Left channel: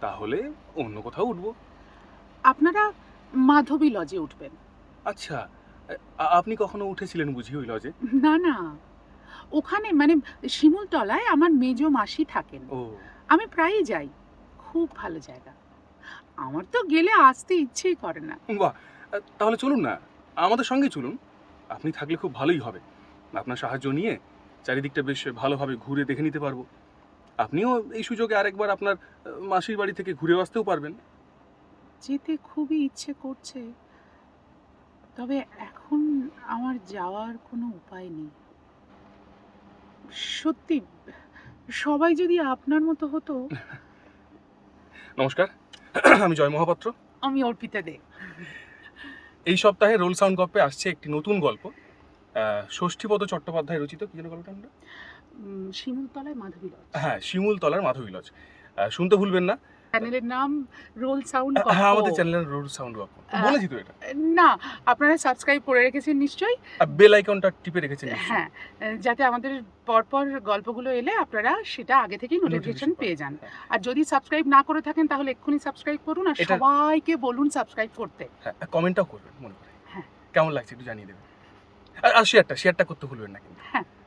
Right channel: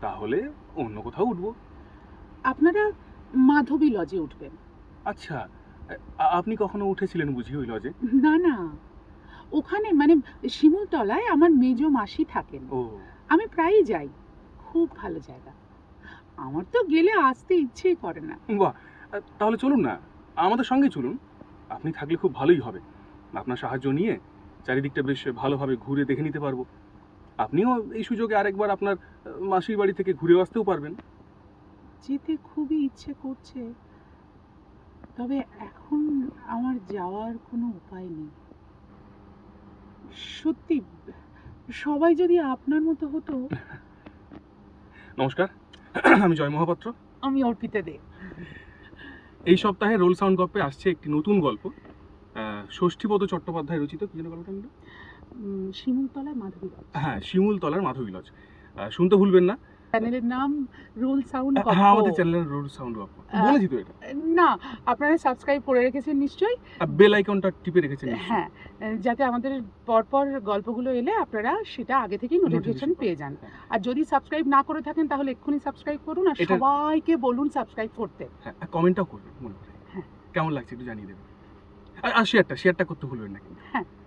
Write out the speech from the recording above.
তাহলে অন্য কোথাও উঠবো। আপনারা মাধবী লজে উঠবেন। আচ্ছা আ- আপনি কখনো উঠেছিলেন বুঝি ওই লজে না না। ওখানে মানে শিমুলতলায় আমার মেজ মাসি থাকেন। ও। আমি প্রায়ই যাই। খুব ভালো জায়গা। আমার তো গেলে আসতে ইচ্ছেই করে না। বাহ! তাহলে চলুন না। আমাদের সঙ্গে চলুন। আপনি থাকলে খুব ভালোই হবে। আপনার সাহায্য নিয়ে চারিদিকটা বেশ ভালোভাবে ঘুরে দেখে নিতে পারব। আপনিও এই সুযোগে আরেকবার আপনার মাসির বাড়ি থেকে ঘুরে আসতেও পারবেন। যেতে খুবই ইচ্ছে করছে। তবে এখন আমার যাওয়ার কোনো উপায় নেই। সত্যি সবাই যদি আপনার মতো হতো। নমস্কার। আমি জয় মহাপাত্র। আমি অর্পিতা দে। এই সপ্তাহে রোল সাউন্ড গল্পে আসছে একটি নতুন গল্প। ষষ্ঠীপদ চট্টোপাধ্যায় রচিত। কি যেন গল্পটা শিমুলতলায় মাধবী লজ। হ্যাঁ শিমুল তলার মাধবী লজ। শুনতে ভুলবেন না। চ্যানেলের নাম রোল সাউন্ড হ্যাঁ আমাদের চ্যানেলের রোল সাউন্ড বলেছি তো এটা? না আপনারা সাবস্ক্রাইব করে রেখেছেন নিশ্চয়ই। বেল আইকনটা টিপে রেখেছেন হ্যাঁ যাতে আমাদের পরপর গল্পগুলো এলে আপনারা সেটা আগে থেকেই নোটিফিকেশন পেয়ে যান। হ্যাঁ। আর যদি সাবস্ক্রাইব না করে থাকেন তাহলে এক্ষুনি সাবস্ক্রাইব করুন আর সবাইকে বলুন সাবস্ক্রাইব করতে। হ্যাঁ কমেন্টটাও করবেন মনে হ্যাঁ। কেমন লাগছে একটু জানিয়ে দেবেন। আর- শেয়ারটা শেয়ারটা করতে ভুলবেন না আছে